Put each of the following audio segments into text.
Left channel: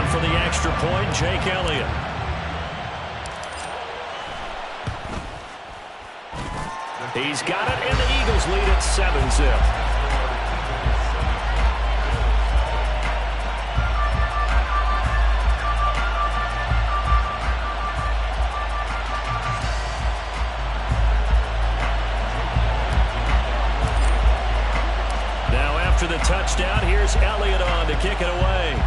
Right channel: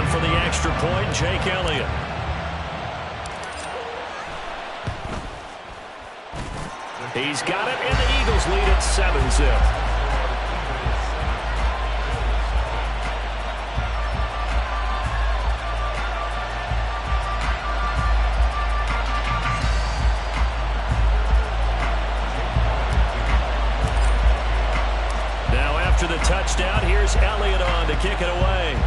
On for the extra point, Jake Elliott. He's got it, and the Eagles lead at 7-zip. Now after the touchdown, here's Elliott on to kick it away.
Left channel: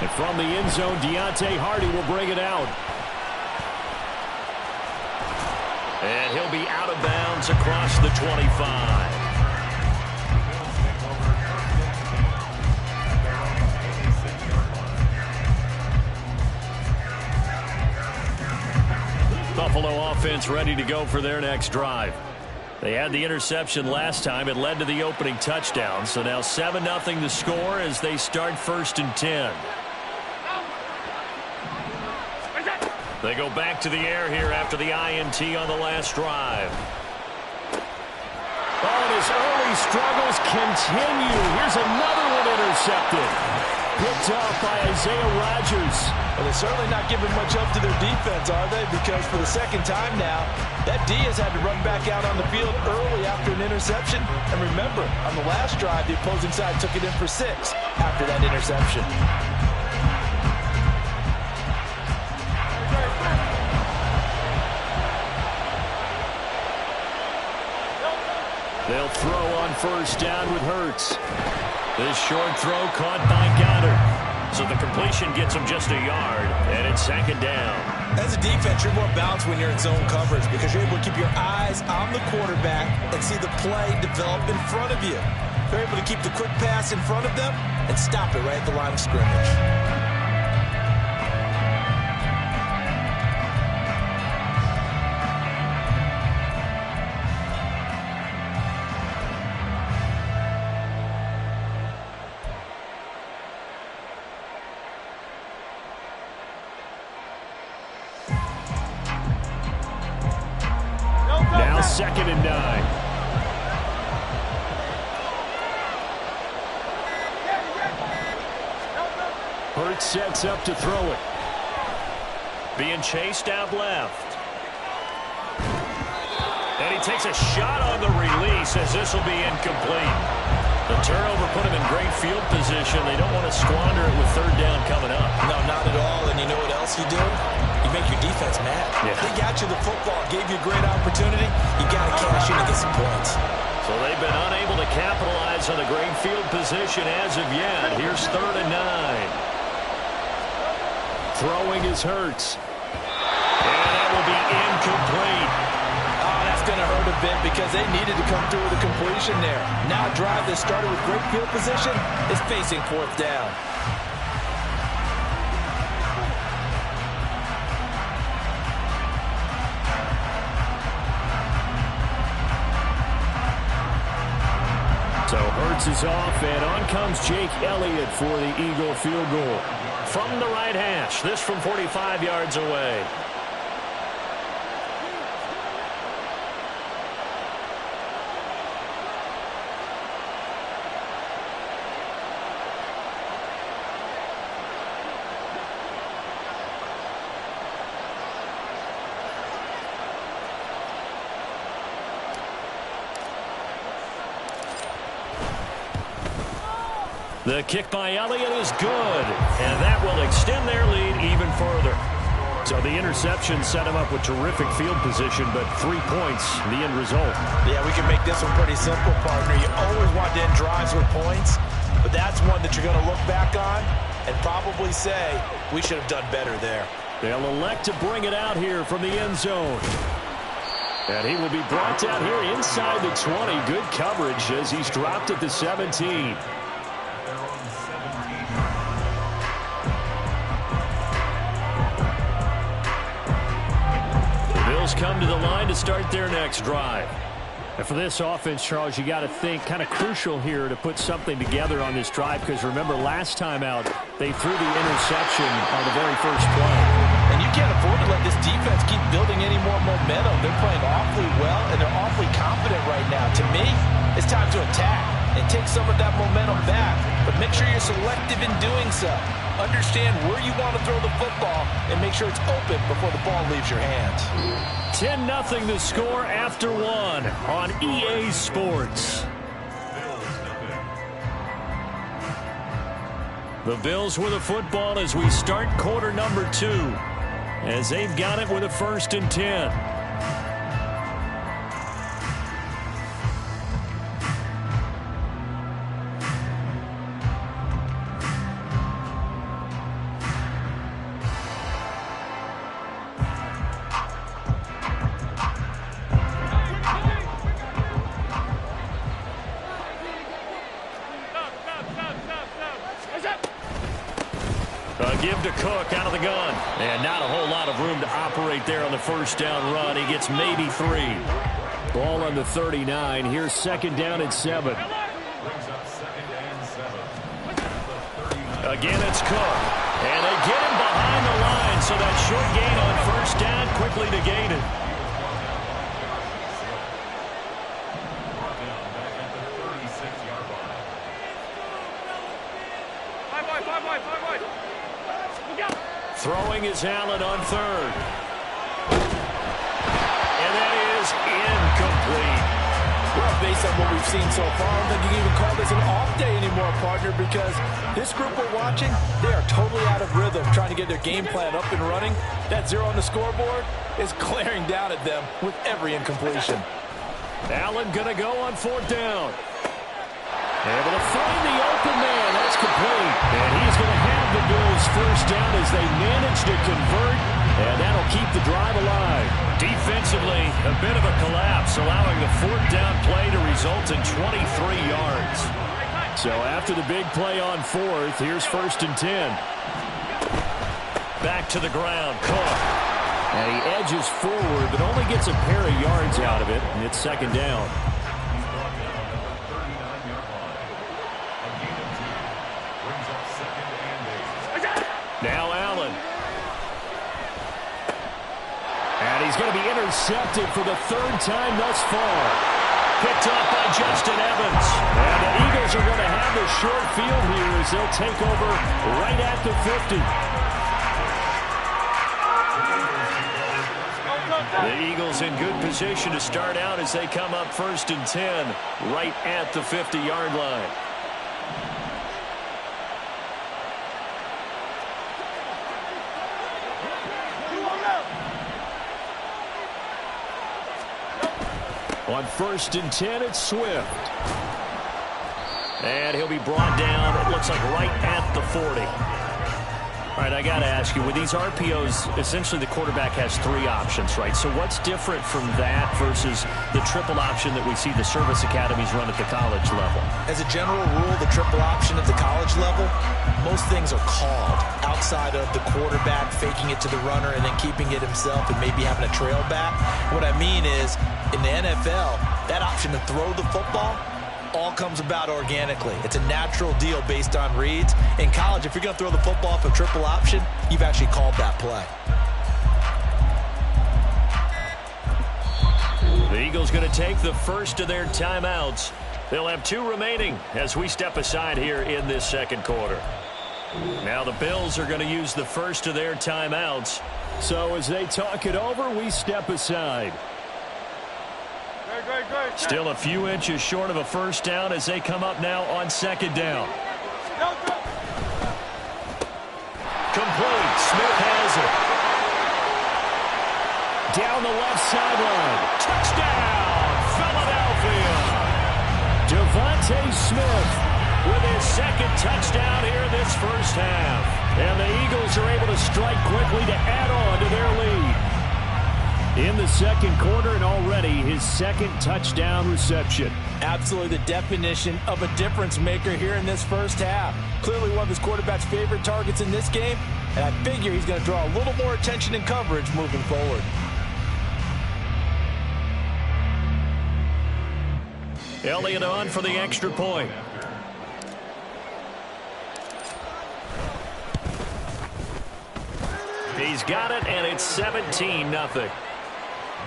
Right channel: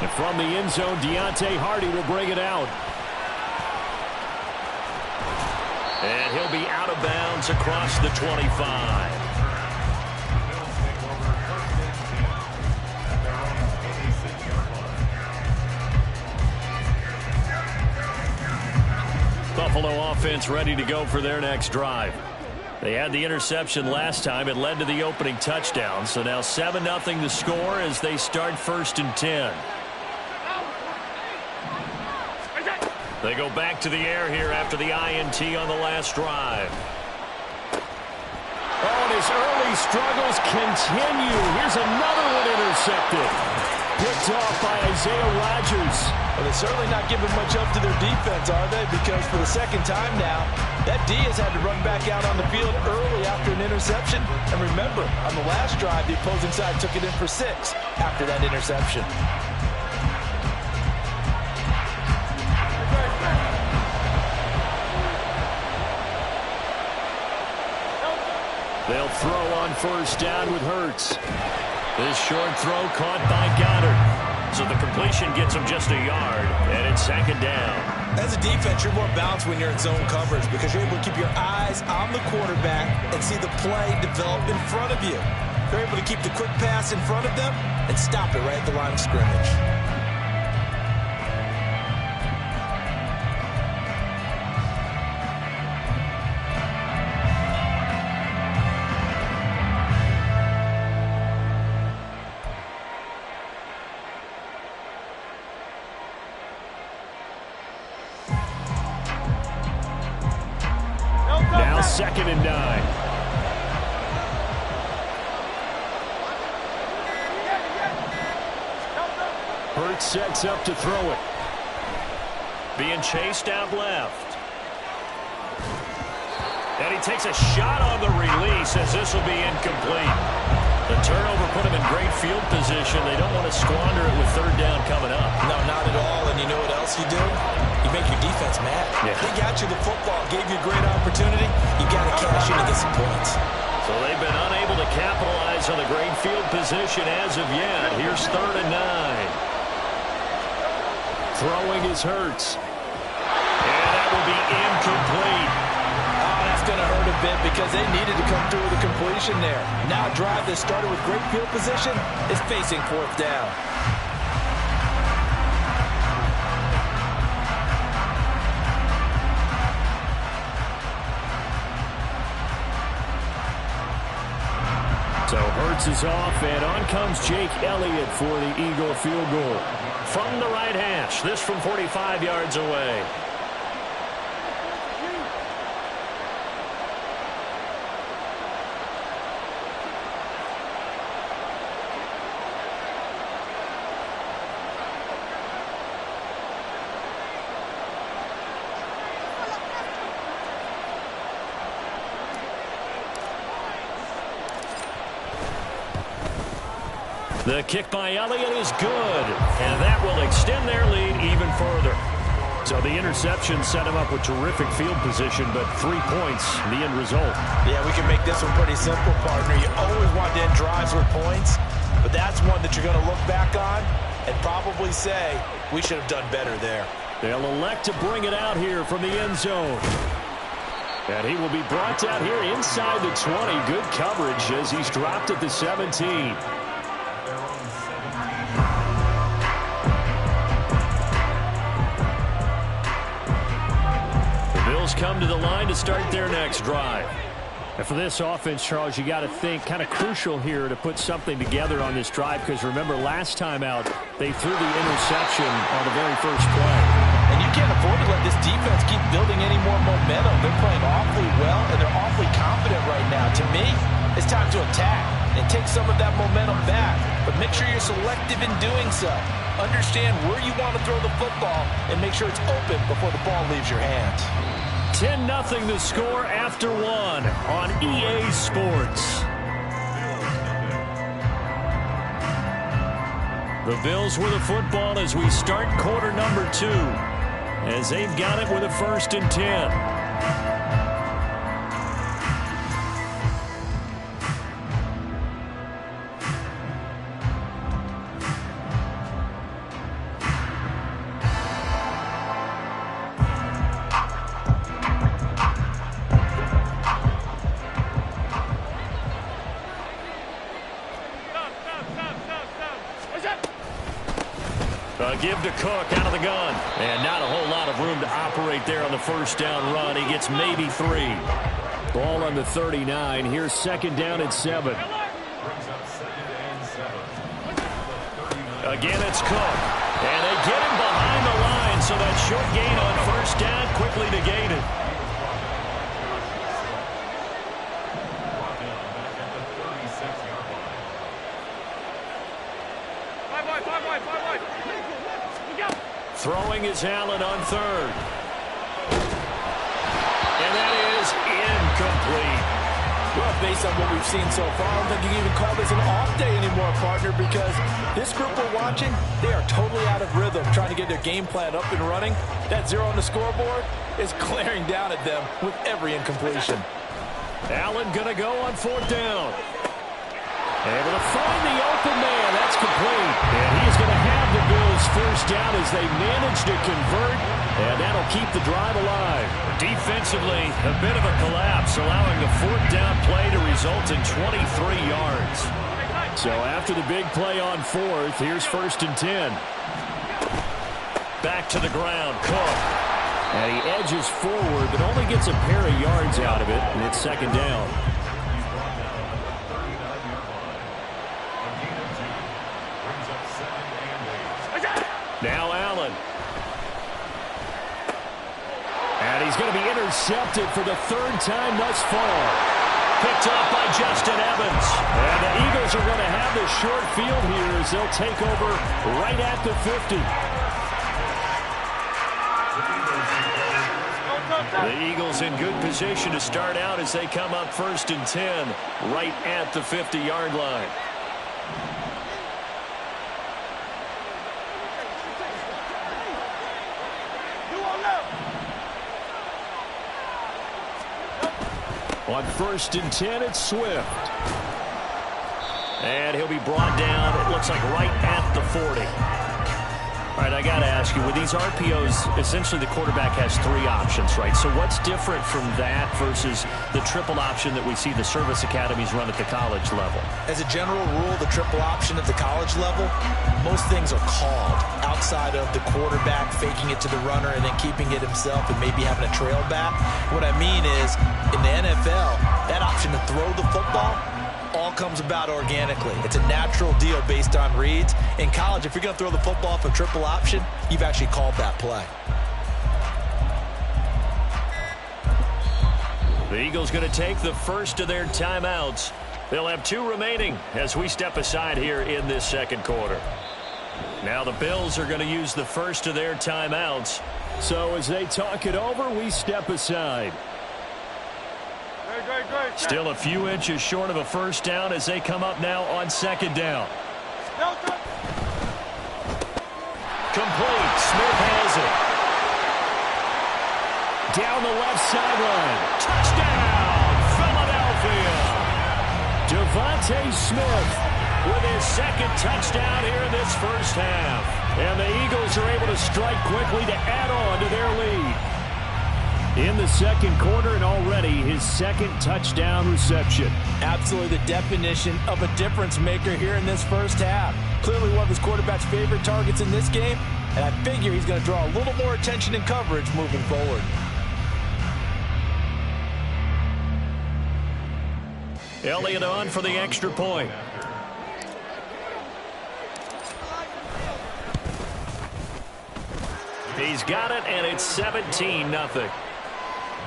And from the end zone, Deontay Hardy will bring it out. And he'll be out of bounds across the 25. Buffalo offense ready to go for their next drive. They had the interception last time. It led to the opening touchdown. So now 7-0 the score as they start 1st and 10. They go back to the air here after the INT on the last drive. Oh, and his early struggles continue. Here's another one intercepted. Picked off by Isaiah Rodgers. Well, they're certainly not giving much up to their defense, are they? Because for the second time now, that D has had to run back out on the field early after an interception. And remember, on the last drive, the opposing side took it in for 6 after that interception. They'll throw on 1st down with Hurts. This short throw caught by Goddard. So the completion gets him just a yard, and it's 2nd down. As a defense, you're more balanced when you're in zone coverage because you're able to keep your eyes on the quarterback and see the play develop in front of you. You're able to keep the quick pass in front of them and stop it right at the line of scrimmage. Now 2nd and 9. Hurts sets up to throw it. Being chased out left. And he takes a shot on the release as this will be incomplete. The turnover put him in great field position. They don't want to squander it with 3rd down coming up. No, not at all. And you know what else you do? You make your defense mad. Yeah. They got you the football, gave you a great opportunity. You got to cash in and get some points. So they've been unable to capitalize on the great field position as of yet. Here's 3rd and 9. Throwing is Hurts. And that will be incomplete. Oh, that's going to hurt a bit because they needed to come through with a completion there. Now a drive that started with great field position is facing 4th down. So Hurts is off, and on comes Jake Elliott for the Eagle field goal. From the right hash, this from 45 yards away. The kick by Elliott is good, and that will extend their lead even further. So the interception set him up with terrific field position, but 3 points, the end result. Yeah, we can make this one pretty simple, partner. You always want to end drives with points, but that's one that you're going to look back on and probably say, we should have done better there. They'll elect to bring it out here from the end zone. And he will be brought down here inside the 20. Good coverage as he's dropped at the 17. Bills come to the line to start their next drive. And for this offense, Charles, you got to think kind of crucial here to put something together on this drive because remember last time out they threw the interception on the very first play. And you can't afford to let this defense keep building any more momentum. They're playing awfully well and they're awfully confident right now. To me, it's time to attack. and take some of that momentum back. But make sure you're selective in doing so. Understand where you want to throw the football and make sure it's open before the ball leaves your hands. 10-0 the score after one on EA Sports. The Bills with the football as we start quarter number 2, as they've got it with a 1st and 10. Give to Cook out of the gun. And not a whole lot of room to operate there on the 1st down run. He gets maybe 3. Ball on the 39. Here's 2nd down and 7. Again, it's Cook. And they get him behind the line, so that short gain on 1st down quickly negated. Throwing is Allen on 3rd. And that is incomplete. Well, based on what we've seen so far, I don't think you can even call this an off day anymore, partner, because this group we're watching, they are totally out of rhythm trying to get their game plan up and running. That 0 on the scoreboard is glaring down at them with every incompletion. Allen going to go on 4th down. Able to find the open man. That's complete. And he's going to have the Bills 1st down as they manage to convert. And that'll keep the drive alive. Defensively, a bit of a collapse, allowing the 4th down play to result in 23 yards. So after the big play on 4th, here's 1st and 10. Back to the ground, Cook. And he edges forward, but only gets a pair of yards out of it, and it's 2nd down. Now Allen. And he's going to be intercepted for the 3rd time thus far. Picked up by Justin Evans. And the Eagles are going to have the short field here as they'll take over right at the 50. The Eagles in good position to start out as they come up 1st and 10 right at the 50-yard line. On 1st and 10, it's Swift. And he'll be brought down, it looks like, right at the 40. All right, I got to ask you, with these RPOs, essentially the quarterback has 3 options, right? So what's different from that versus the triple option that we see the service academies run at the college level? As a general rule, the triple option at the college level, most things are called outside of the quarterback faking it to the runner and then keeping it himself and maybe having a trail back. What I mean is, in the NFL, that option to throw the football all comes about organically. It's a natural deal based on reads. In college, if you're going to throw the football off a triple option, you've actually called that play. The Eagles going to take the first of their timeouts. They'll have 2 remaining as we step aside here in this 2nd quarter. Now the Bills are going to use the first of their timeouts. So as they talk it over, we step aside. Still a few inches short of a 1st down as they come up now on 2nd down. Complete. Smith has it. Down the left sideline. Touchdown, Philadelphia. Devontae Smith with his 2nd touchdown here in this 1st half. And the Eagles are able to strike quickly to add on to their lead. In the 2nd quarter, and already his 2nd touchdown reception. Absolutely the definition of a difference maker here in this 1st half. Clearly one of his quarterback's favorite targets in this game, and I figure he's going to draw a little more attention and coverage moving forward. Elliott on for the extra point. He's got it, and it's 17-0.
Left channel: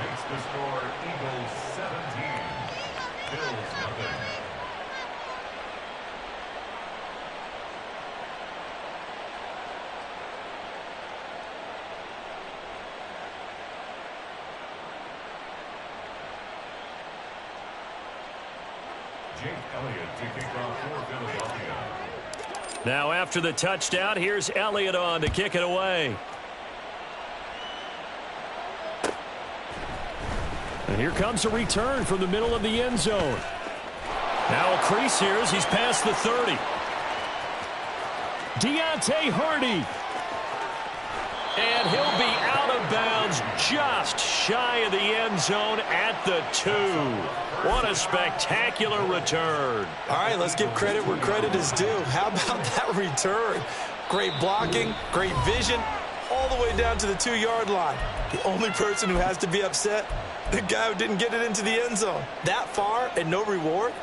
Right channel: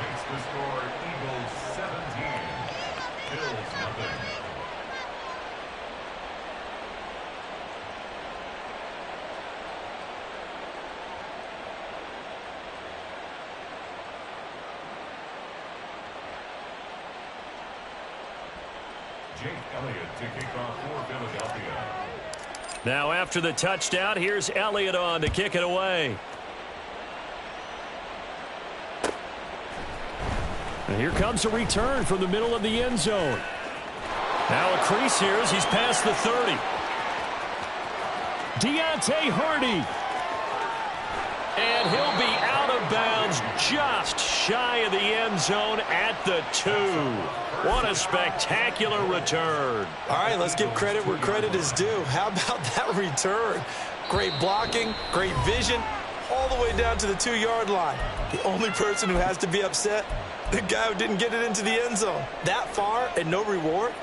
Makes the score Eagles 17, Bills nothing. Now after the touchdown, here's Elliott on to kick it away. And here comes a return from the middle of the end zone. Now a crease here as he's past the 30. Deontay Hardy. And he'll be out of bounds just shy of the end zone at the 2. What a spectacular return. All right, let's give credit where credit is due. How about that return? Great blocking, great vision, all the way down to the 2-yard line. The only person who has to be upset, the guy who didn't get it into the end zone. That far and no reward?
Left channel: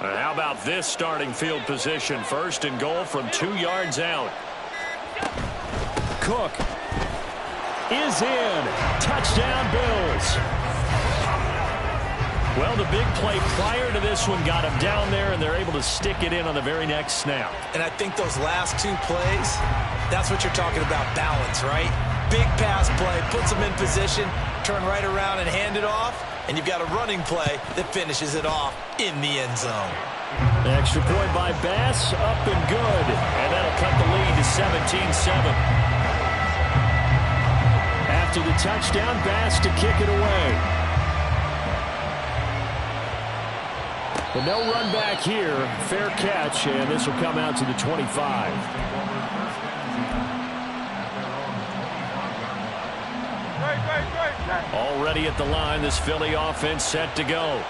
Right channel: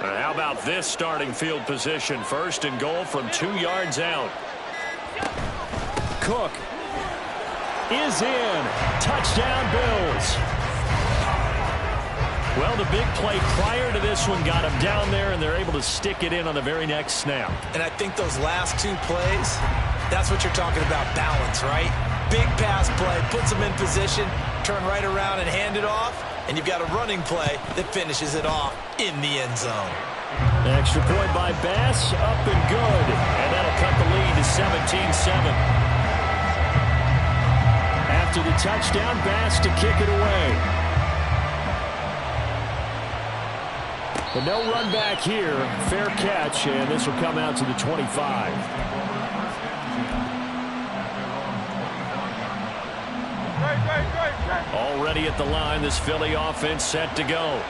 How about this starting field position? First and goal from 2 yards out. Cook is in. Touchdown, Bills. Well, the big play prior to this one got him down there, and they're able to stick it in on the very next snap. And I think those last 2 plays, that's what you're talking about, balance, right? Big pass play, puts them in position, turn right around and hand it off, and you've got a running play that finishes it off in the end zone. Extra point by Bass, up and good. And that'll cut the lead to 17-7. After the touchdown, Bass to kick it away. But no run back here. Fair catch, and this will come out to the 25. Already at the line, this Philly offense set to go.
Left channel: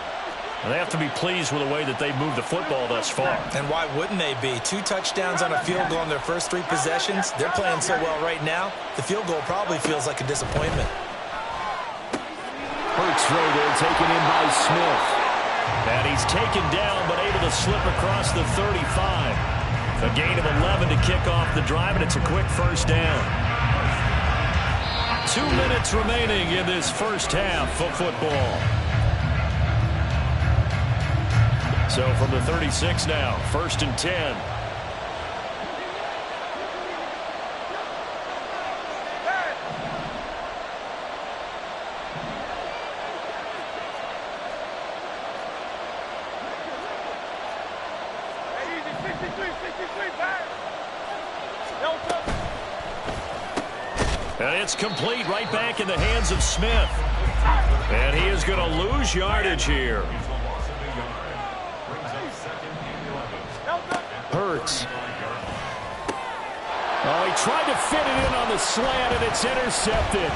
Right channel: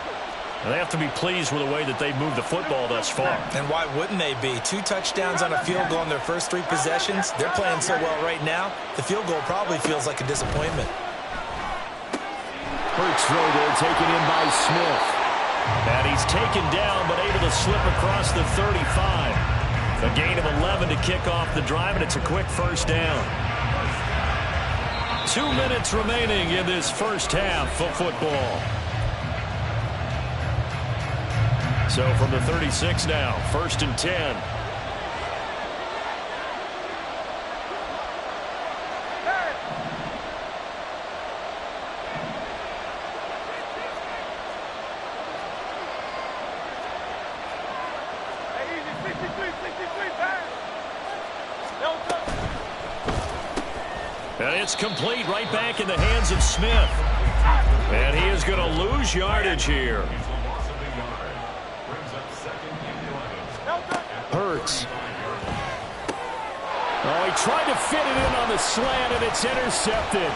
And they have to be pleased with the way that they've moved the football thus far. And why wouldn't they be? 2 touchdowns on a field goal in their first 3 possessions. They're playing so well right now, the field goal probably feels like a disappointment. Hurts throw there, taken in by Smith. And he's taken down, but able to slip across the 35. A gain of 11 to kick off the drive, and it's a quick first down. 2 minutes remaining in this first half of football. So from the 36 now, 1st and 10. And it's complete, right back in the hands of Smith. And he is going to lose yardage here. Hurts. Oh, he tried to fit it in on the slant, and it's intercepted.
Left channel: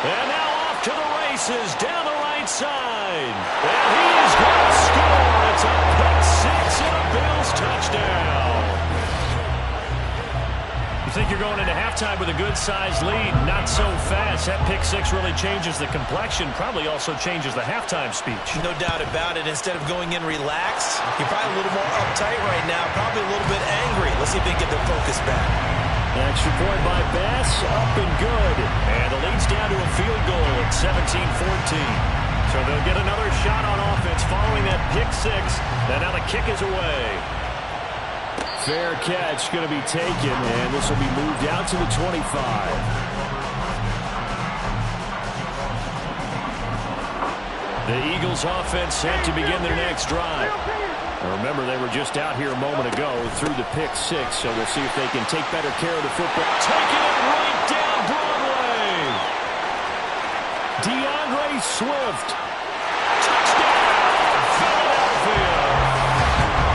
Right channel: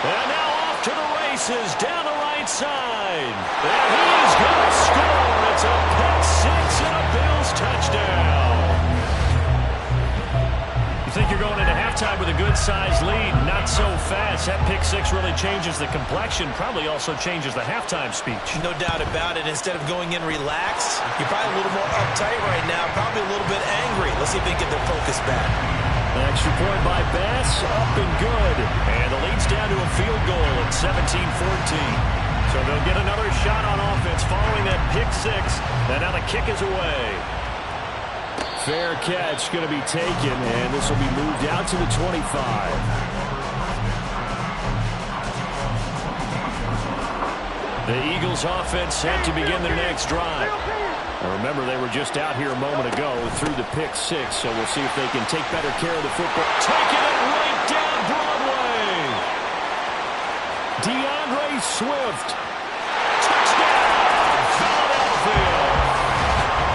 And now off to the races down the right side. And he is going to score. It's a pick-6 and a Bills touchdown. You think you're going into halftime with a good-sized lead? Not so fast. That pick-6 really changes the complexion, probably also changes the halftime speech. No doubt about it. Instead of going in relaxed, you're probably a little more uptight right now, probably a little bit angry. Let's see if they can get their focus back. Extra point by Bass, up and good. And the lead's down to a field goal at 17-14. So they'll get another shot on offense following that pick-6. And now the kick is away. Fair catch going to be taken, and this will be moved out to the 25. The Eagles offense set to begin their next drive. Now remember, they were just out here a moment ago through the pick-6, so we'll see if they can take better care of the football. Taking it right down Broadway. DeAndre Swift. Touchdown, Philadelphia.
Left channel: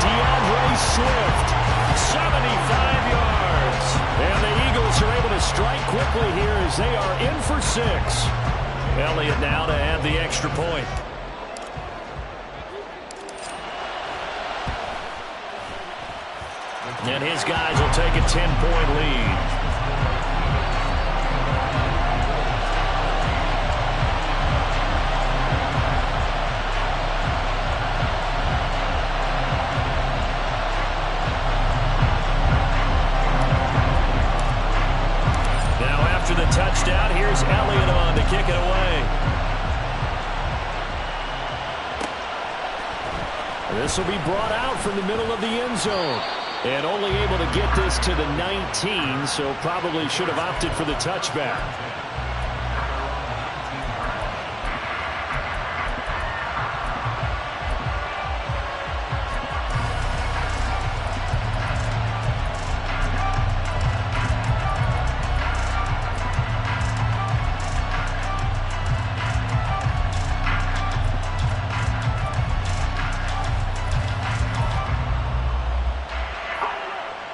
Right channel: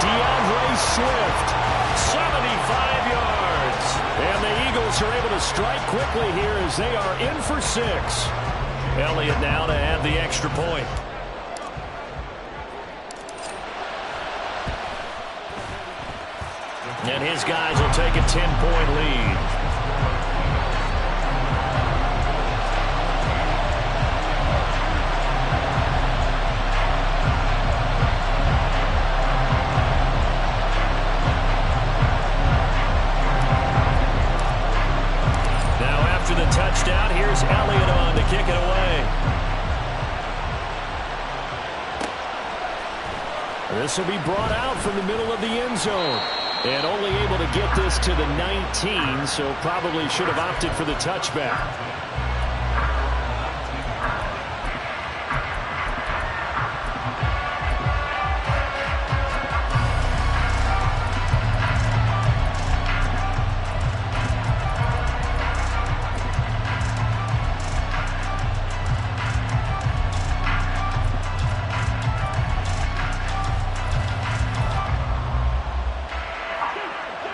DeAndre Swift. 75 yards. And the Eagles are able to strike quickly here as they are in for 6. Elliott now to add the extra point. And his guys will take a 10-point lead. touchdown. Here's Elliott on to kick it away. This will be brought out from the middle of the end zone. And only able to get this to the 19, so probably should have opted for the touchback.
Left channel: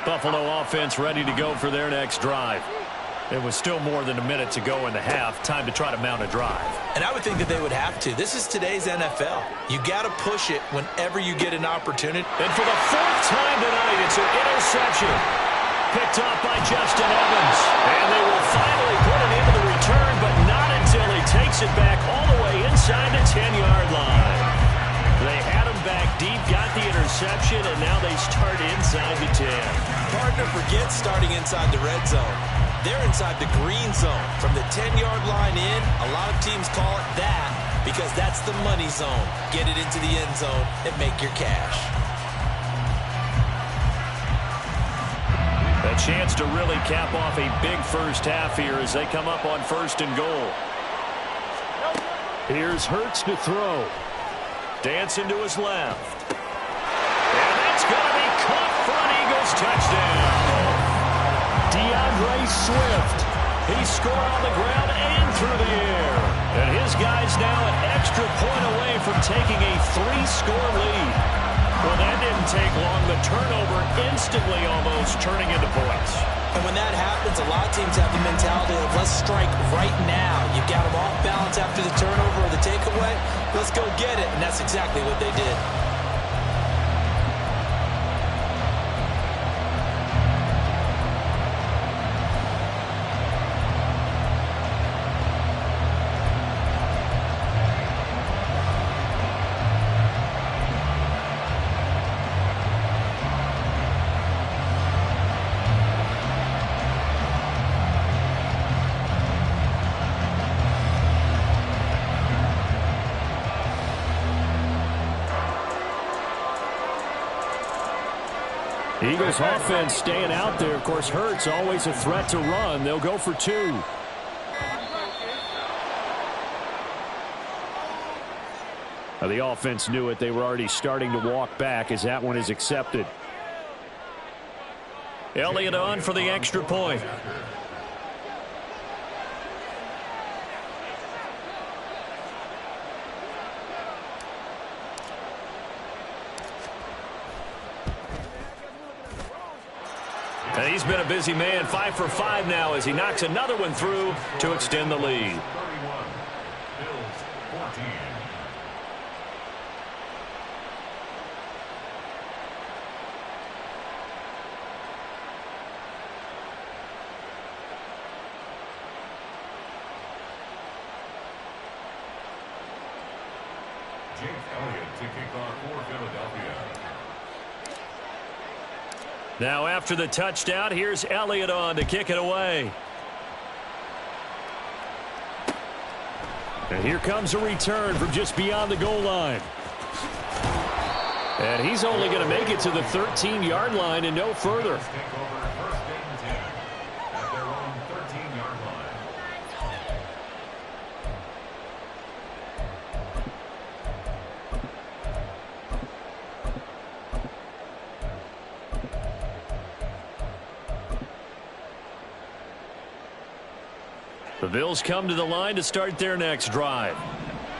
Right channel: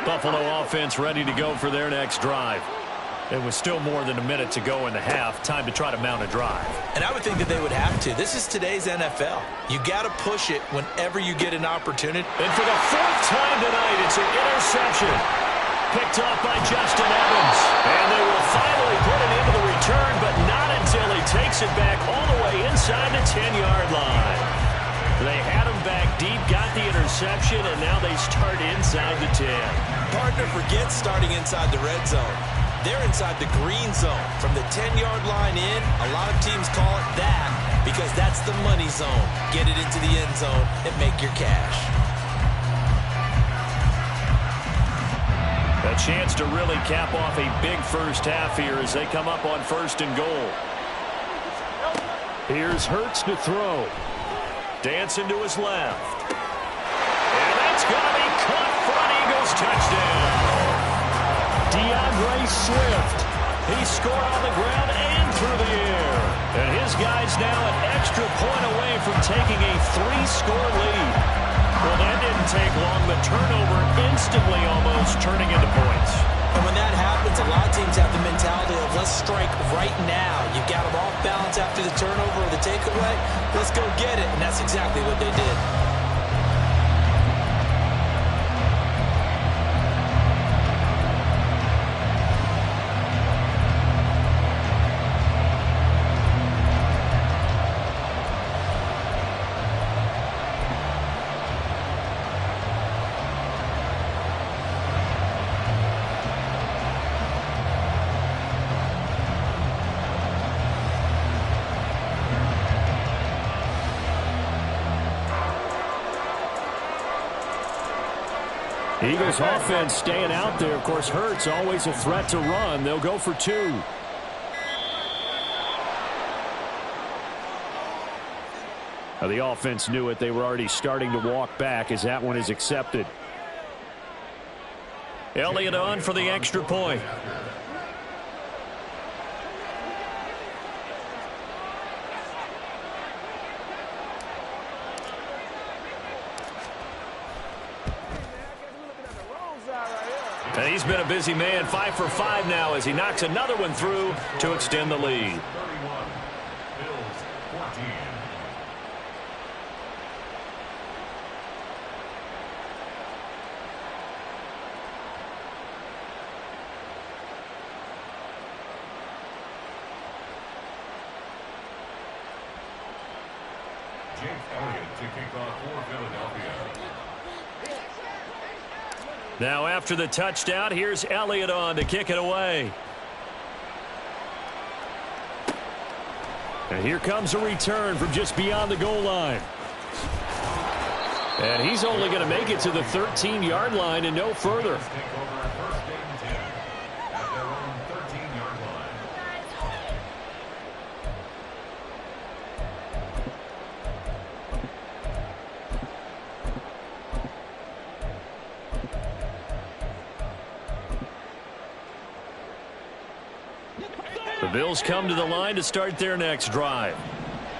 Buffalo offense ready to go for their next drive. It was still more than a minute to go in the half. Time to try to mount a drive. And I would think that they would have to. This is today's NFL. You got to push it whenever you get an opportunity. And for the fourth time tonight, it's an interception. Picked off by Justin Evans. And they will finally put it into the return, but not until he takes it back all the way inside the 10-yard line. They had him back deep, got the interception, and now they start inside the 10. Partner, forget starting inside the red zone. They're inside the green zone. From the 10-yard line in, a lot of teams call it that because that's the money zone. Get it into the end zone and make your cash. A chance to really cap off a big first half here as they come up on 1st and goal. Here's Hurts to throw. Dancing to his left. And that's going to be caught front. Eagles touchdown. DeAndre Swift. He scored on the ground and through the air. And his guy's now an extra point away from taking a 3-score lead. Well, that didn't take long. The turnover instantly almost turning into points. And when that happens, a lot of teams have the mentality of let's strike right now. You've got them off balance after the turnover or the takeaway. Let's go get it. And that's exactly what they did. Eagles offense staying out there. Of course, Hurts always a threat to run. They'll go for 2. Now, the offense knew it. They were already starting to walk back as that one is accepted. Elliott on for the extra point. And he's been a busy man, 5 for 5 now as he knocks another one through to extend the lead. 31, Bills 14. Jake Elliott to kick off for Philadelphia. Now after the touchdown, here's Elliott on to kick it away. And here comes a return from just beyond the goal line. And he's only going to make it to the 13-yard line and no further. Take over 1st and 10 at their own 13-yard line. The Bills come to the line to start their next drive.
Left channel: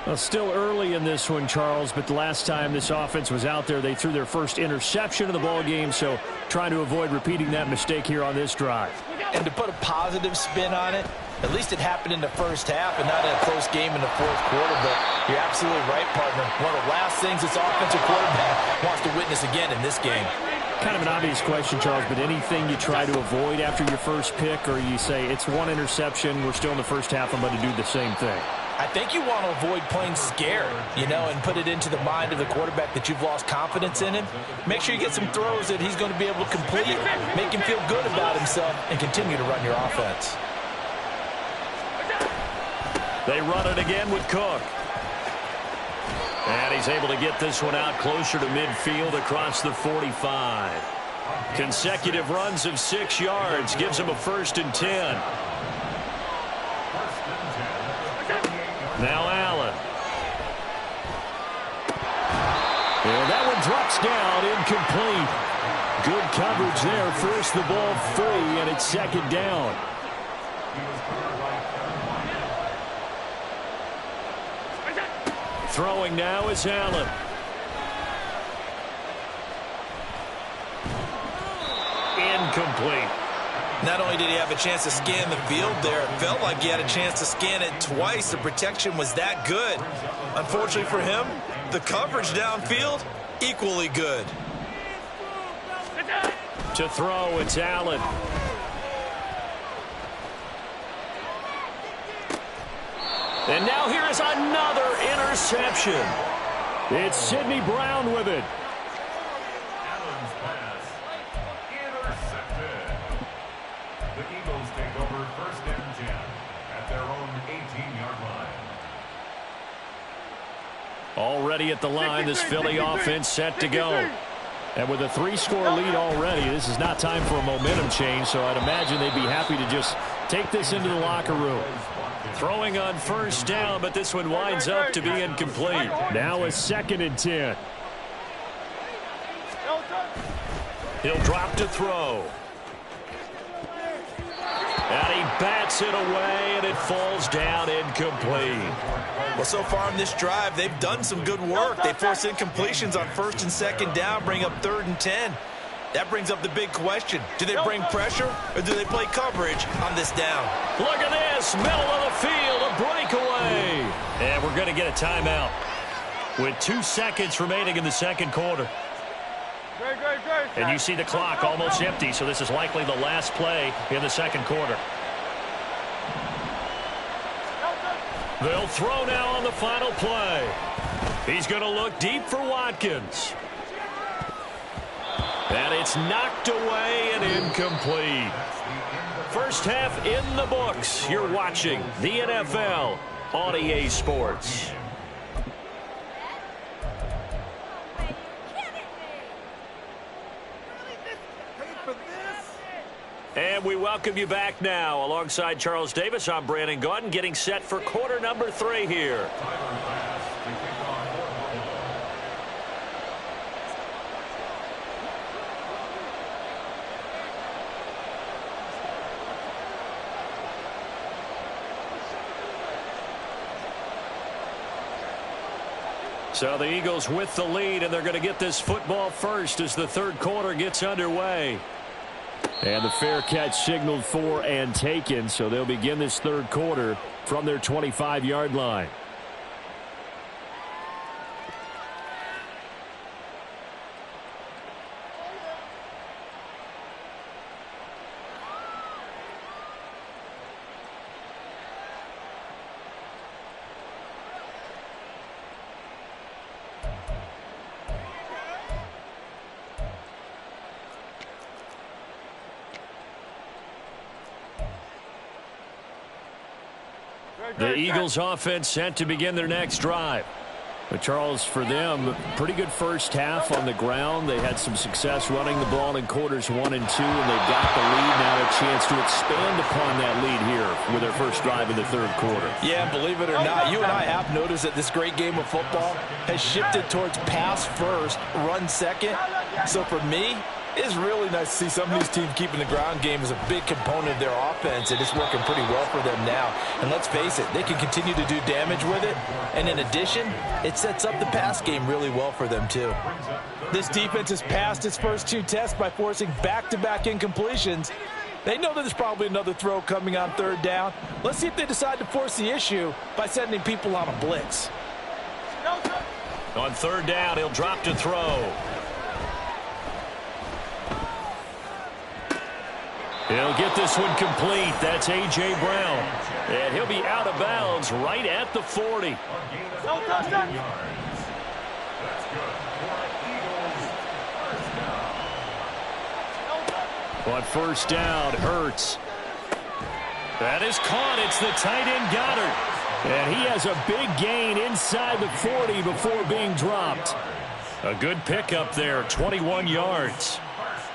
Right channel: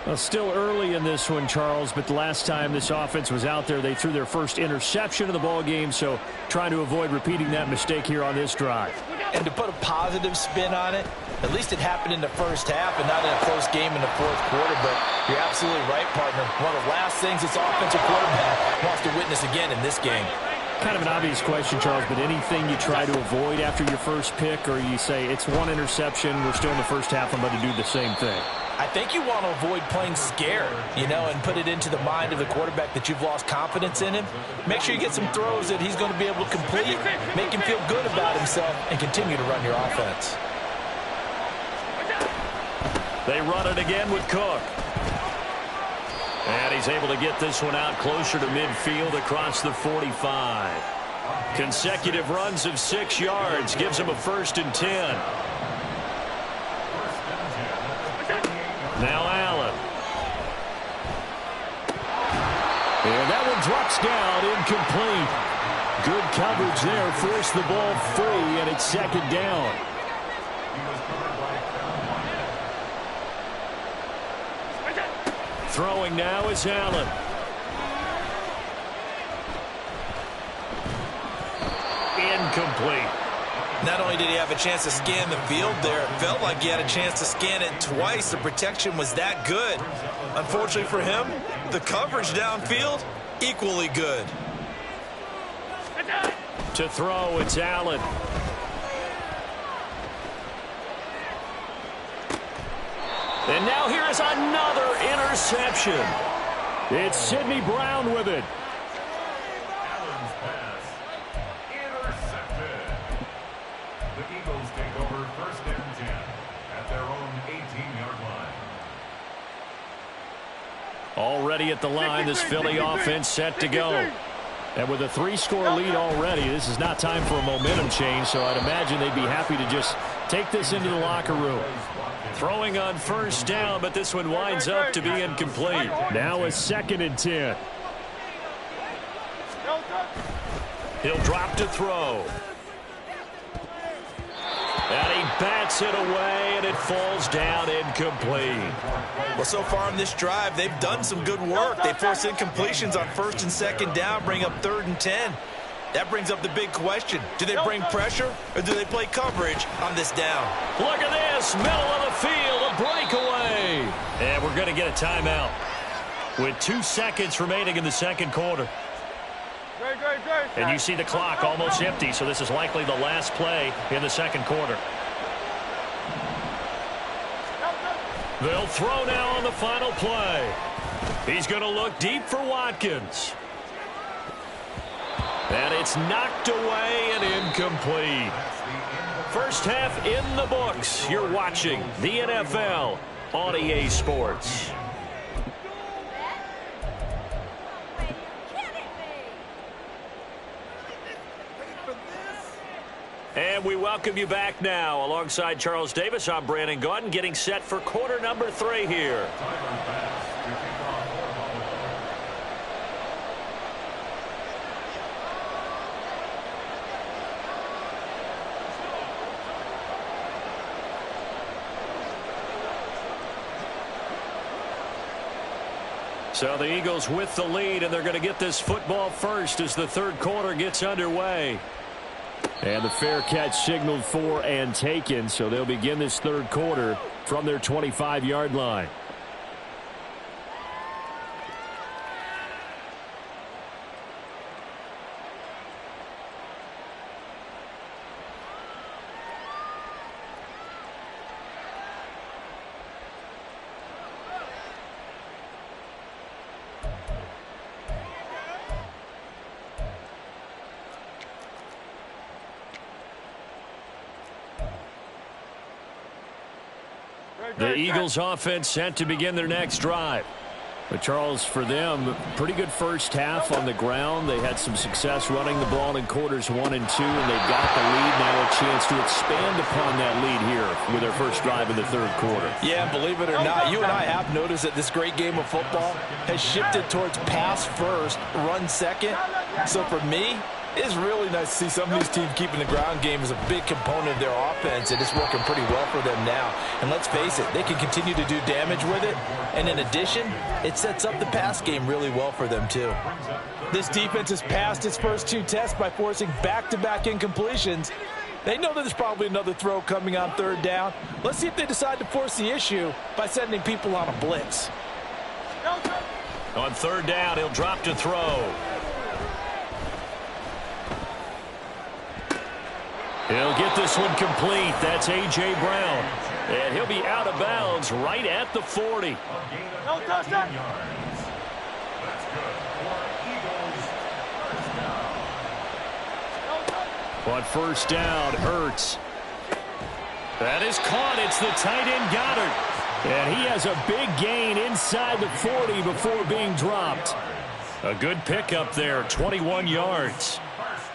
Well, still early in this one, Charles, but the last time this offense was out there, they threw their first interception of the ball game, so trying to avoid repeating that mistake here on this drive. And to put a positive spin on it, at least it happened in the first half and not in a close game in the 4th quarter, but you're absolutely right, partner. One of the last things this offensive quarterback wants to witness again in this game. Kind of an obvious question, Charles, but anything you try to avoid after your first pick, or you say it's one interception, we're still in the first half, I'm going to do the same thing? I think you want to avoid playing scared, and put it into the mind of the quarterback that you've lost confidence in him. Make sure you get some throws that he's going to be able to complete, make him feel good about himself, and continue to run your offense. They run it again with Cook. And he's able to get this one out closer to midfield across the 45. Consecutive runs of 6 yards gives him a 1st and 10. Now Allen. And that one drops down, incomplete. Good coverage there. Forced the ball free, and it's 2nd down. Throwing now is Allen. Incomplete. Not only did he have a chance to scan the field there, it felt like he had a chance to scan it twice. The protection was that good. Unfortunately for him, the coverage downfield, equally good. To throw, it's Allen. And now here is another interception. It's Sidney Brown with it. Allen's pass intercepted. The Eagles take over 1st and 10 at their own 18-yard line. Already at the line, this Philly offense set to go. And with a 3-score lead already, this is not time for a momentum change, so I'd imagine they'd be happy to just take this into the locker room. Throwing on 1st down, but this one winds up to be incomplete. Now a 2nd and 10. He'll drop to throw. And he bats it away, and it falls down incomplete. Well, so far in this drive, they've done some good work. They force incompletions on 1st and 2nd down, bring up 3rd and 10. That brings up the big question. Do they bring pressure, or do they play coverage on this down? Look at this, middle of the field, a breakaway. And we're going to get a timeout with 2 seconds remaining in the 2nd quarter. And you see the clock almost empty, so this is likely the last play in the 2nd quarter. They'll throw now on the final play. He's going to look deep for Watkins. And it's knocked away and incomplete. 1st half in the books. You're watching the NFL on EA Sports. And we welcome you back now. Alongside Charles Davis, I'm Brandon Gaudin, getting set for quarter number 3 here. So the Eagles with the lead, and they're going to get this football first as the 3rd quarter gets underway. And the fair catch signaled for and taken, so they'll begin this 3rd quarter from their 25-yard line. The Eagles offense set to begin their next drive. But Charles, for them, pretty good 1st half on the ground. They had some success running the ball in quarters 1 and 2, and they've got the lead now, a chance to expand upon that lead here with their 1st drive in the 3rd quarter. Yeah, believe it or not, you and I have noticed that this great game of football has shifted towards pass first, run second. So for me, it's really nice to see some of these teams keeping the ground game as a big component of their offense, and it's working pretty well for them now. And let's face it, they can continue to do damage with it. And in addition, it sets up the pass game really well for them too. This defense has passed its first 2 tests by forcing back-to-back incompletions. They know that there's probably another throw coming on 3rd down. Let's see if they decide to force the issue by sending people on a blitz. On 3rd down, he'll drop to throw. He'll get this one complete. That's A.J. Brown. And he'll be out of bounds right at the 40. No touchdown. That's good for Eagles. 1st down. On 1st down, Hurts. That is caught. It's the tight end Goddard. And he has a big gain inside the 40 before being dropped. A good pickup there, 21 yards.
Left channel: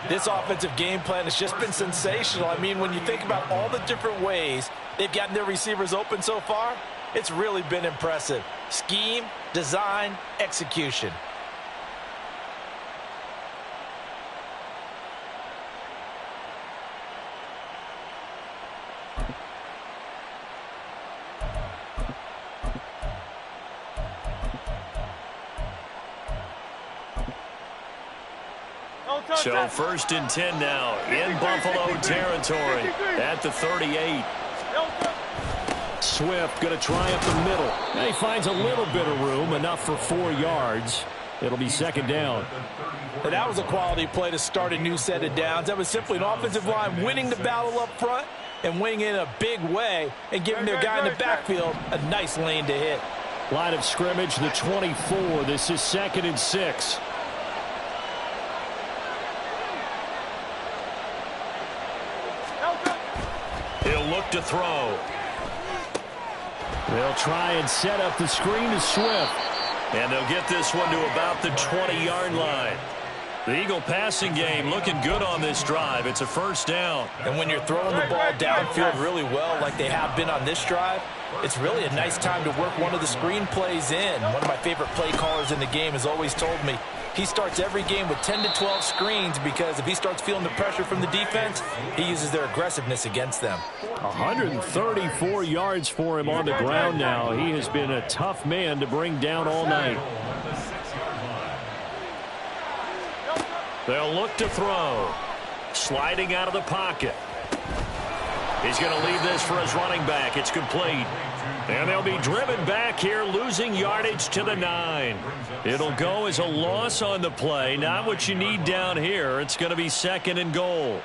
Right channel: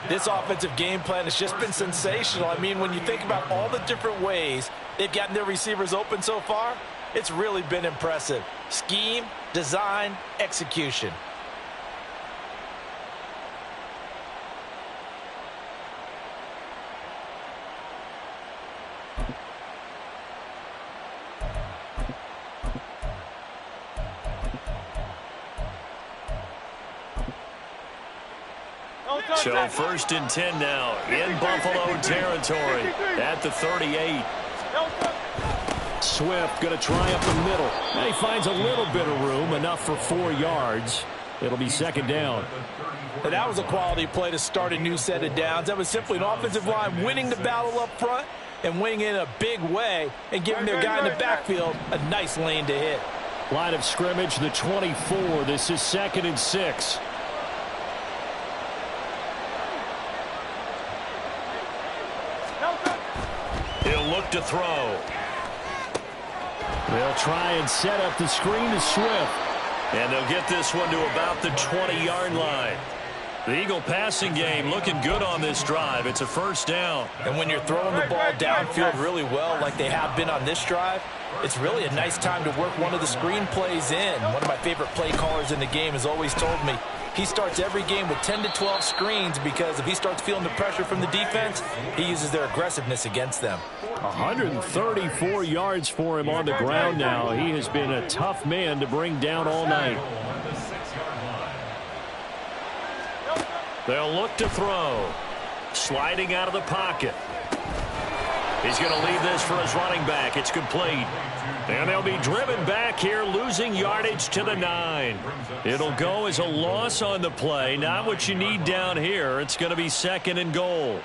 This offensive game plan has just been sensational. I mean, when you think about all the different ways they've gotten their receivers open so far, it's really been impressive. Scheme, design, execution. So 1st and 10 now in Buffalo territory at the 38. Swift going to try up the middle. And he finds a little bit of room, enough for 4 yards. It'll be 2nd down. And that was a quality play to start a new set of downs. That was simply an offensive line winning the battle up front and winning in a big way and giving their guy in the backfield a nice lane to hit. Line of scrimmage, the 24. This is 2nd and 6. He'll look to throw. They'll try and set up the screen to Swift. And they'll get this one to about the 20-yard line. The Eagle passing game looking good on this drive. It's a 1st down. And when you're throwing the ball downfield really well like they have been on this drive, it's really a nice time to work one of the screen plays in. One of my favorite play callers in the game has always told me he starts every game with 10 to 12 screens because if he starts feeling the pressure from the defense, he uses their aggressiveness against them. 134 yards for him on the ground now. He has been a tough man to bring down all night. They'll look to throw. Sliding out of the pocket. He's going to leave this for his running back. It's complete. And they'll be driven back here, losing yardage to the 9. It'll go as a loss on the play. Not what you need down here. It's going to be 2nd and goal.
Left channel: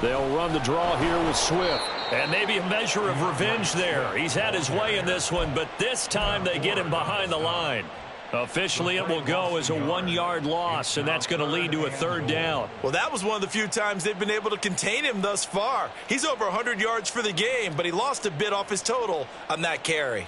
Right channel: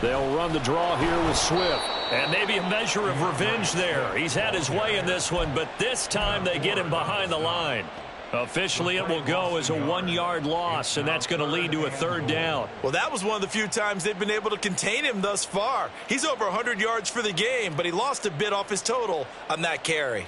They'll run the draw here with Swift. And maybe a measure of revenge there. He's had his way in this one, but this time they get him behind the line. Officially, it will go as a 1-yard loss, and that's going to lead to a 3rd down. Well, that was one of the few times they've been able to contain him thus far. He's over 100 yards for the game, but he lost a bit off his total on that carry.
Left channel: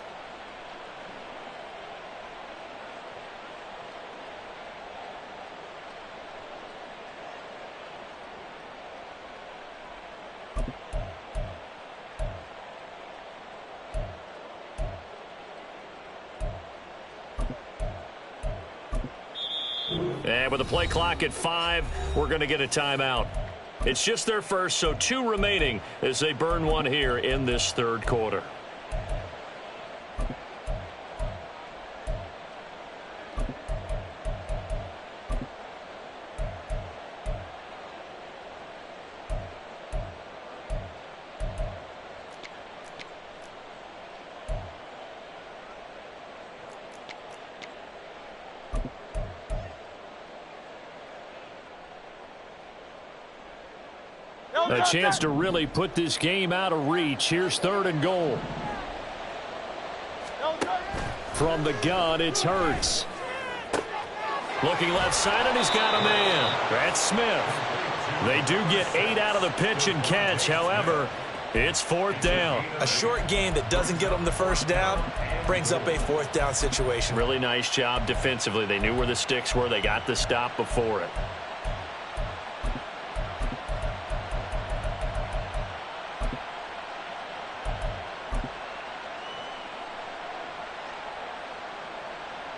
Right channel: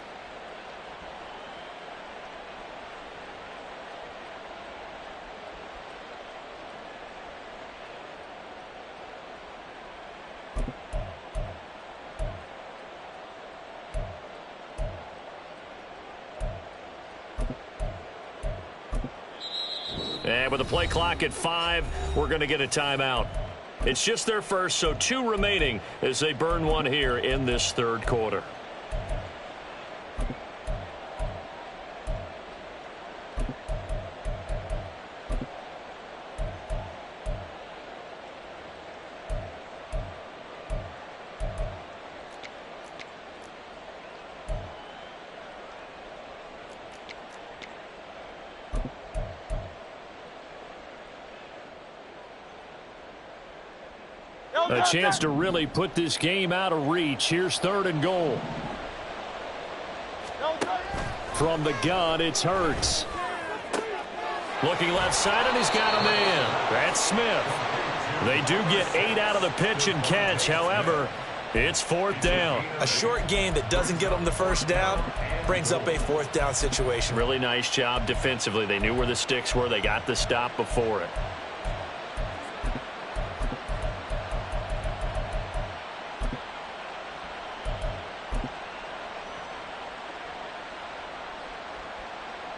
And with the play clock at 5, we're going to get a timeout. It's just their first, so 2 remaining as they burn one here in this 3rd quarter. A chance to really put this game out of reach. Here's 3rd and goal. From the gun, it's Hurts. Looking left side, and he's got a man. That's Smith. They do get 8 out of the pitch and catch. However, it's 4th down. A short game that doesn't get them the 1st down brings up a 4th down situation. Really nice job defensively. They knew where the sticks were. They got the stop before it.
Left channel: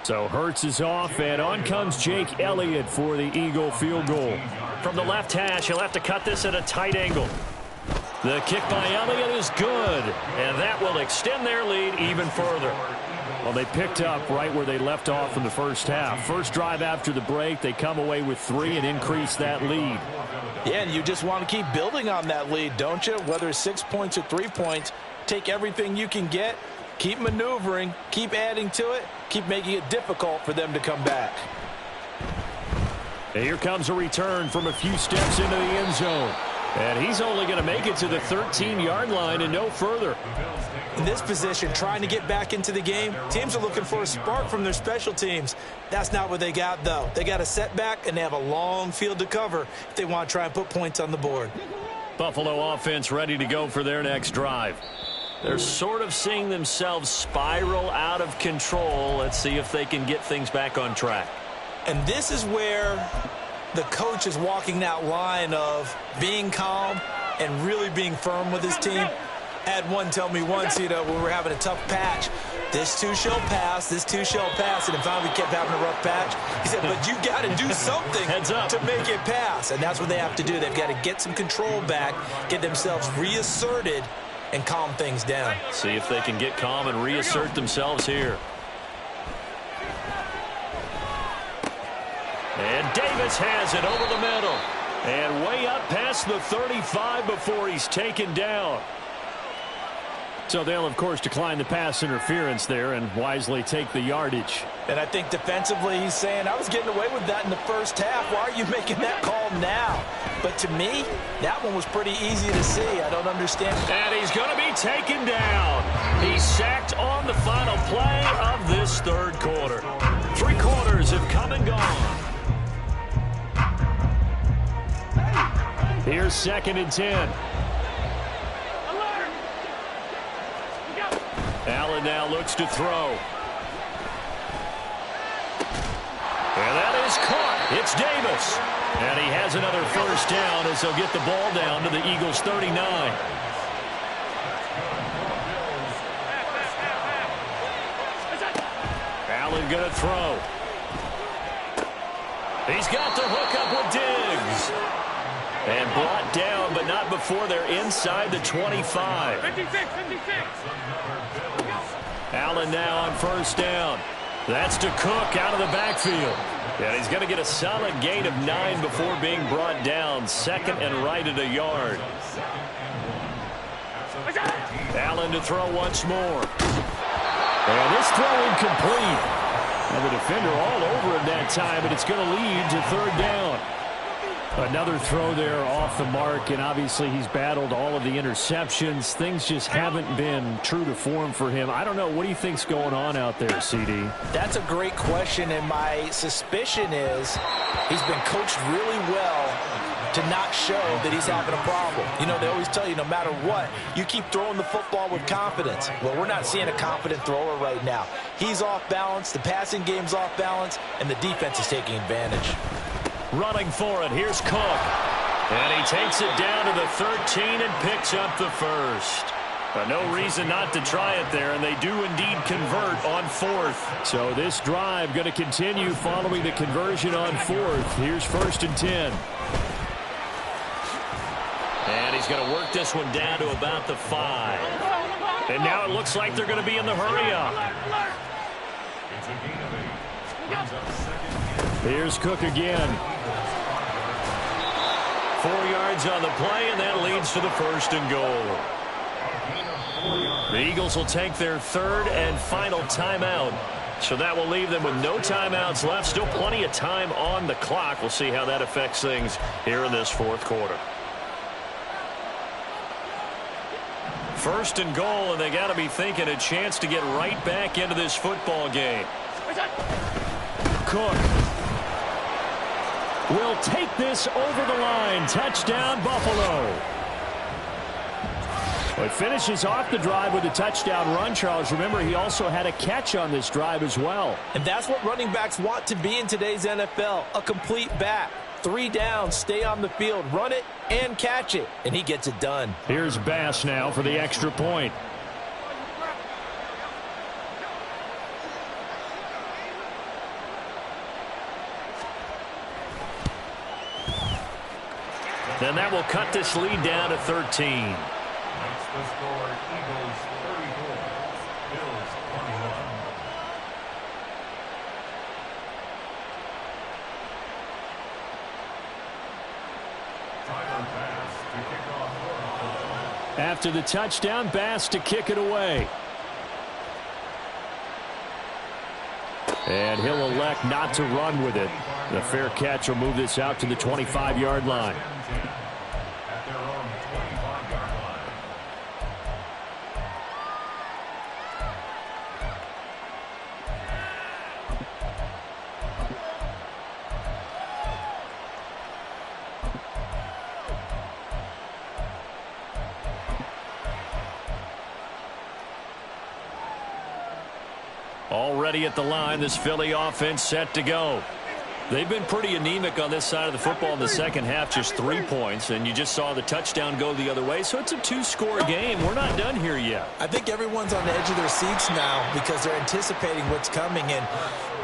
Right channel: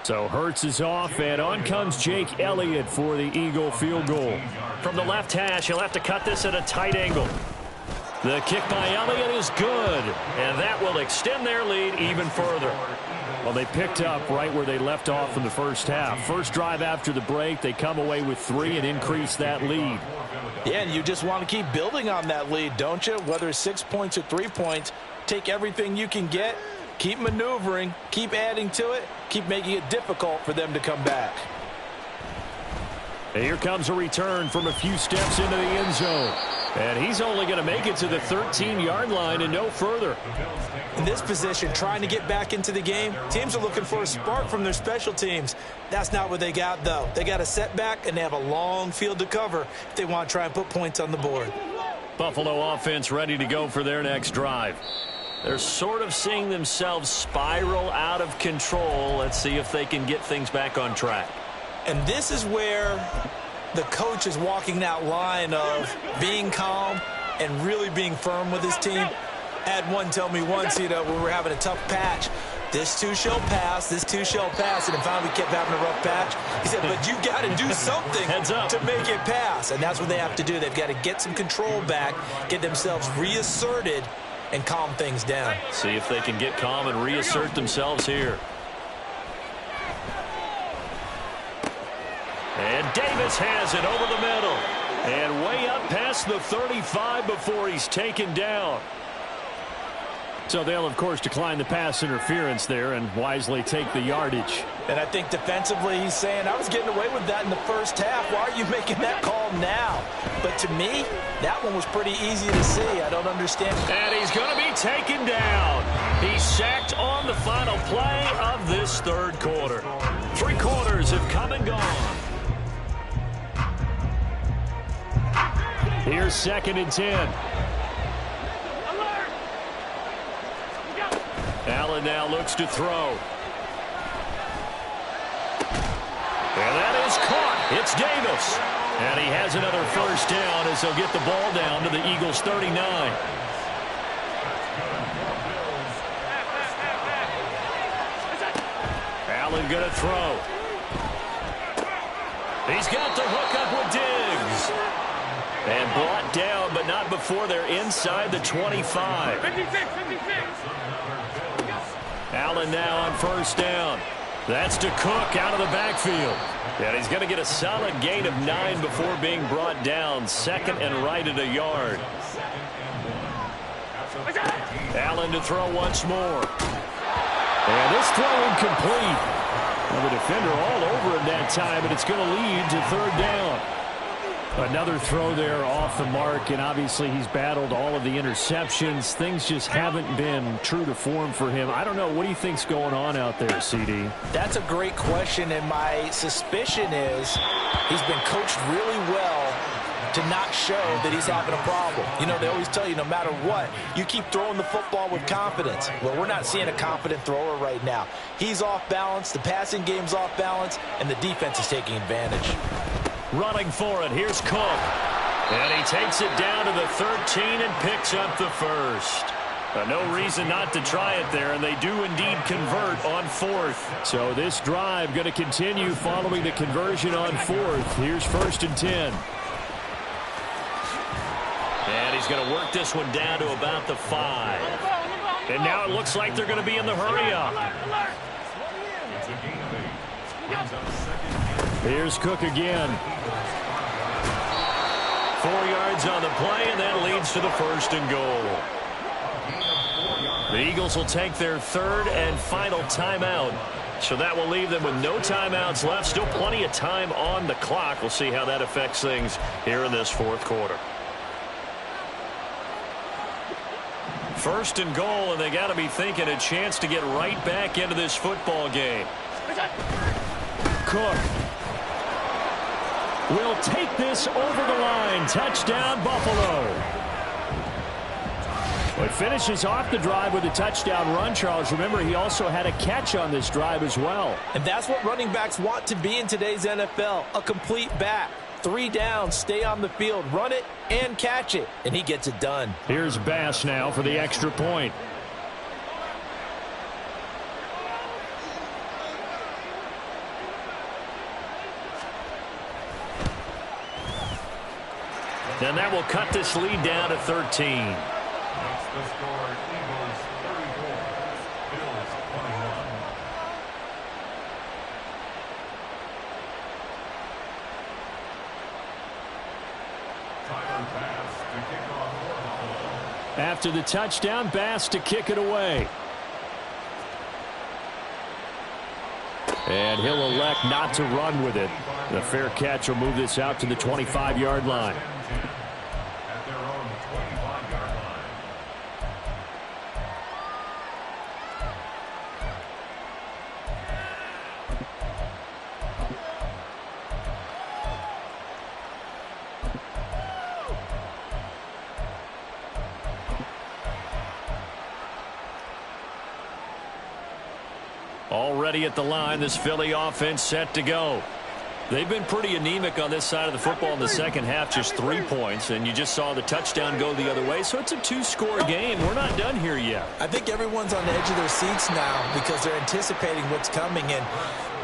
So Hurts is off, and on comes Jake Elliott for the Eagle field goal. From the left hash, he'll have to cut this at a tight angle. The kick by Elliott is good, and that will extend their lead even further. Well, they picked up right where they left off in the first half. First drive after the break, they come away with 3 and increase that lead. Yeah, and you just want to keep building on that lead, don't you? Whether it's 6 points or 3 points, take everything you can get. Keep maneuvering, keep adding to it, keep making it difficult for them to come back. And here comes a return from a few steps into the end zone. And he's only going to make it to the 13-yard line and no further. In this position, trying to get back into the game, teams are looking for a spark from their special teams. That's not what they got, though. They got a setback, and they have a long field to cover if they want to try and put points on the board. Buffalo offense ready to go for their next drive. They're sort of seeing themselves spiral out of control. Let's see if they can get things back on track. And this is where the coach is walking that line of being calm and really being firm with his team. I had one tell me once, when we're having a tough patch, this too shall pass, this too shall pass, and then finally we kept having a rough patch. He said, but you got to do something to make it pass, and that's what they have to do. They've got to get some control back, get themselves reasserted, and calm things down. See if they can get calm and reassert themselves here. And Davis has it over the middle. And way up past the 35 before he's taken down. So they'll, of course, decline the pass interference there and wisely take the yardage. And I think defensively he's saying, I was getting away with that in the first half. Why are you making that call now? But to me, that one was pretty easy to see. I don't understand. And he's going to be taken down. He's sacked on the final play of this third quarter. 3 quarters have come and gone. Here's 2nd and 10. Allen now looks to throw. And that is caught. It's Davis. And he has another first down as they'll get the ball down to the Eagles' 39. Allen going to throw. He's got the hook up with Diggs. And brought down, but not before they're inside the 25. 56. Allen now on first down. That's to Cook out of the backfield. And he's going to get a solid gain of 9 before being brought down. 2nd and right at a yard. Allen to throw once more. And this throw incomplete. Well, the defender all over him that time, but it's going to lead to 3rd down. Another throw there off the mark, and obviously he's battled all of the interceptions. Things just haven't been true to form for him. I don't know. What do you think's going on out there, CD? That's a great question, and my suspicion is he's been coached really well to not show that he's having a problem. They always tell you no matter what, you keep throwing the football with confidence. Well, we're not seeing a confident thrower right now. He's off balance, the passing game's off balance, and the defense is taking advantage. Running for it. Here's Cook. And he takes it down to the 13 and picks up the first. No reason not to try it there, and they do indeed convert on 4th. So this drive going to continue following the conversion on 4th. Here's 1st and 10. And he's going to work this one down to about the 5. And now it looks like they're going to be in the hurry up. It's a gain of 8. Brings up 2nd. Here's Cook again. 4 yards on the play, and that leads to the 1st and goal. The Eagles will take their 3rd and final timeout. So that will leave them with no timeouts left. Still plenty of time on the clock. We'll see how that affects things here in this 4th quarter. 1st and goal, and they got to be thinking a chance to get right back into this football game. Cook will take this over the line. Touchdown, Buffalo. It finishes off the drive with a touchdown run, Charles. Remember, he also had a catch on this drive as well. And that's what running backs want to be in today's NFL, a complete back. 3 downs, stay on the field, run it, and catch it. And he gets it done. Here's Bass now for the extra point. And that will cut this lead down to 13. Makes the score Eagles 34, Bills 21. Tyler Bass to kick off for Buffalo. After the touchdown, Bass to kick it away. And he'll elect not to run with it. The fair catch will move this out to the 25-yard line. At their own Already at the line, this Philly offense set to go. They've been pretty anemic on this side of the football in the second half, just 3 points, and you just saw the touchdown go the other way, so it's a 2-score game. We're not done here yet. I think everyone's on the edge of their seats now because they're anticipating what's coming, and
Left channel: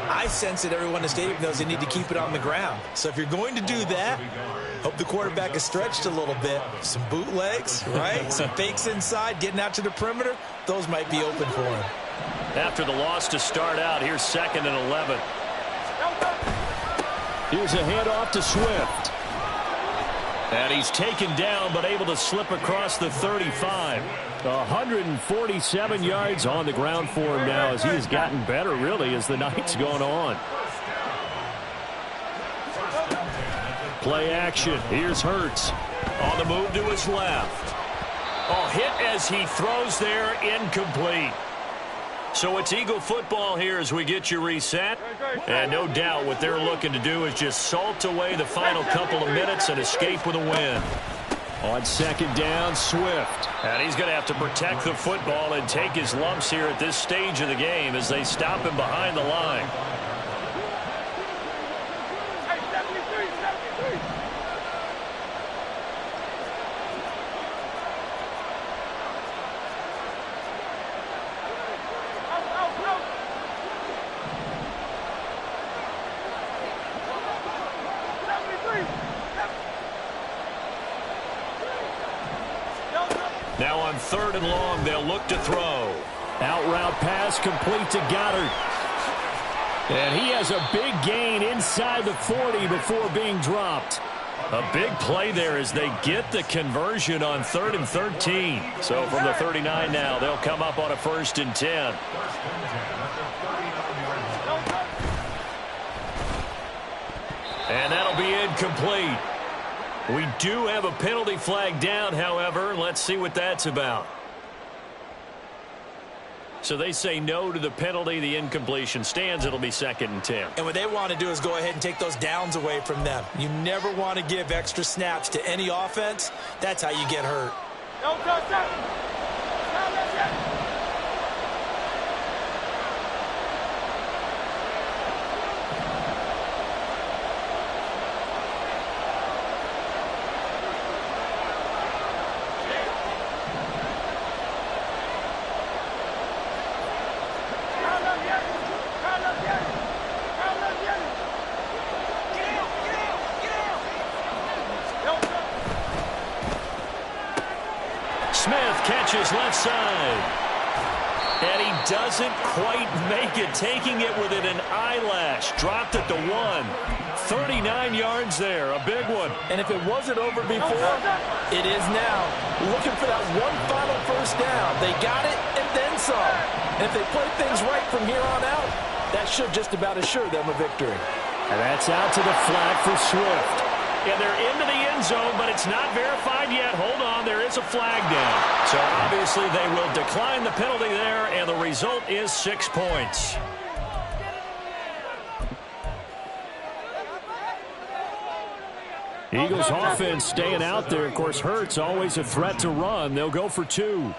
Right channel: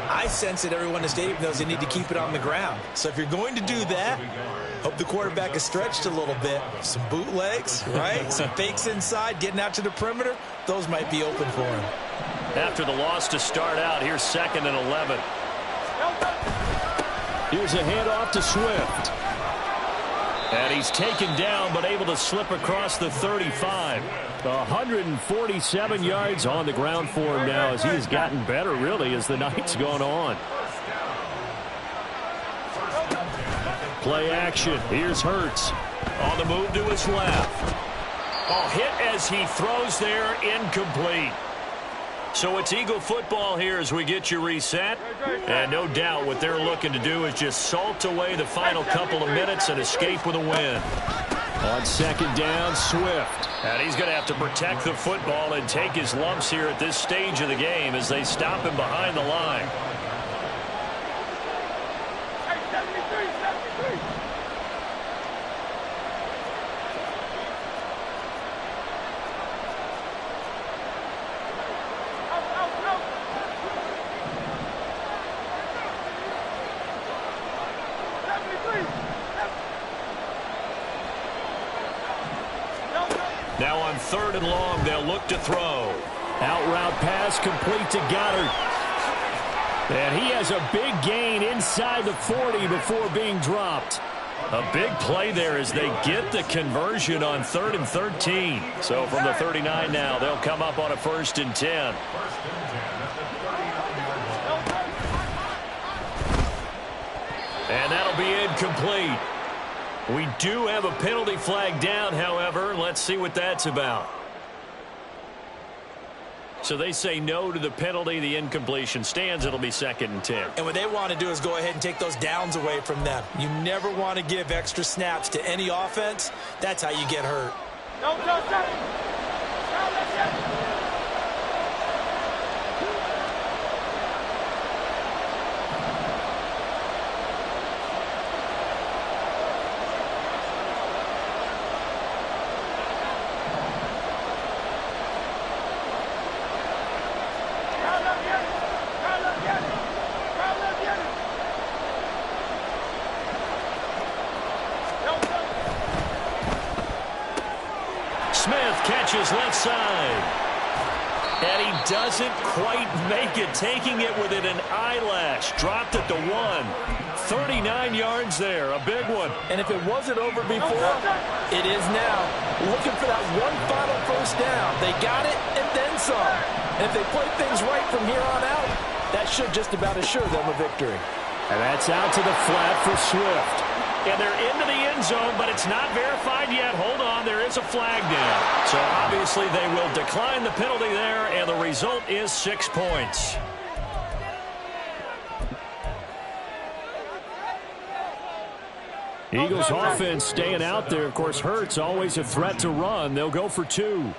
I sense that everyone in the stadium knows they need to keep it on the ground. So if you're going to do that, hope the quarterback is stretched a little bit. Some bootlegs, right? Some fakes inside, getting out to the perimeter. Those might be open for him. After the loss to start out, here's 2nd and 11. Here's a handoff to Swift. And he's taken down but able to slip across the 35. 147 yards on the ground for him now as he has gotten better really as the night's gone on. Play action. Here's Hurts. On the move to his left. Oh, hit as he throws there, incomplete. So it's Eagle football here as we get you reset. And no doubt what they're looking to do is just salt away the final couple of minutes and escape with a win. On 2nd down, Swift. And he's going to have to protect the football and take his lumps here at this stage of the game as they stop him behind the line. Hey, 73, 73. Now on 3rd and long, they'll look to throw. Out route pass complete to Goddard. And he has a big gain inside the 40 before being dropped. A big play there as they get the conversion on 3rd and 13. So from the 39 now, they'll come up on a 1st and 10. And that'll be incomplete. We do have a penalty flag down, however. Let's see what that's about. So they say no to the penalty. The incompletion stands. It'll be 2nd and 10. And what they want to do is go ahead and take those downs away from them. You never want to give extra snaps to any offense. That's how you get hurt. No touchdown. Smith catches left side. And he doesn't quite make it, taking it within an eyelash. Dropped at the 1. 39 yards there, a big one. And if it wasn't over before, it is now. Looking for that one final first down. They got it and then some. And if they play things right from here on out, that should just about assure them a victory. And that's out to the flat for Swift. And they're into the end zone, but it's not verified yet. Hold on, there is a flag down. So obviously they will decline the penalty there, and the result is 6 points. Eagles offense staying out there. Of course, Hurts always a threat to run. They'll go for 2.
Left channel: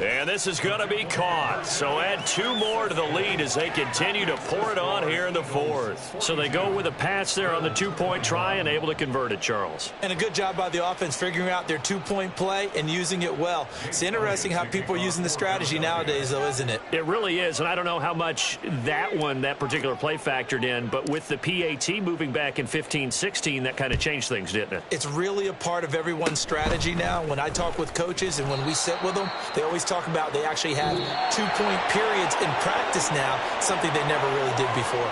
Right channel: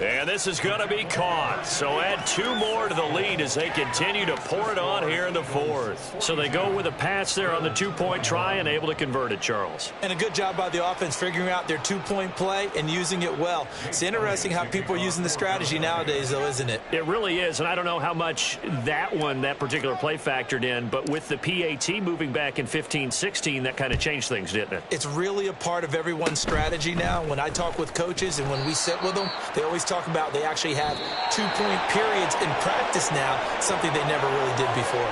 And this is going to be caught. So add 2 more to the lead as they continue to pour it on here in the 4th. So they go with a pass there on the 2-point try and able to convert it, Charles. And a good job by the offense figuring out their 2-point play and using it well. It's interesting how people are using the strategy nowadays, though, isn't it? It really is, and I don't know how much that particular play factored in, but with the PAT moving back in 15-16, that kind of changed things, didn't it? It's really a part of everyone's strategy now. When I talk with coaches and when we sit with them, they always talk about they actually have 2-point periods in practice now, something they never really did before.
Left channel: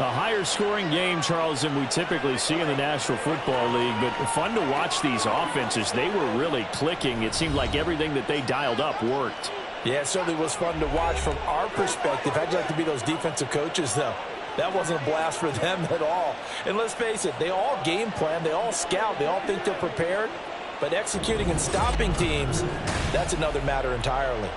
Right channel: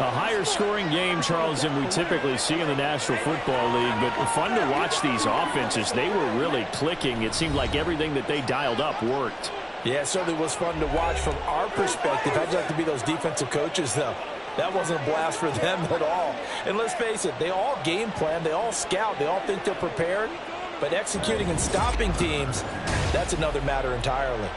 A higher scoring game, Charles, than we typically see in the National Football League, but fun to watch these offenses. They were really clicking. It seemed like everything that they dialed up worked. Yeah, it certainly was fun to watch from our perspective. I'd like to be those defensive coaches, though. That wasn't a blast for them at all. And let's face it, they all game plan, they all scout, they all think they're prepared. But executing and stopping teams, that's another matter entirely.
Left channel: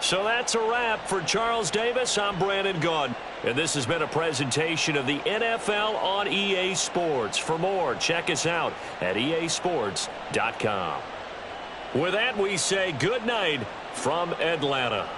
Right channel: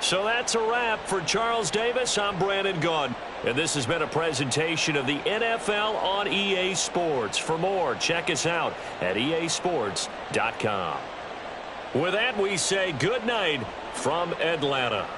So that's a wrap for Charles Davis. I'm Brandon Gaudin. And this has been a presentation of the NFL on EA Sports. For more, check us out at easports.com. With that, we say good night from Atlanta.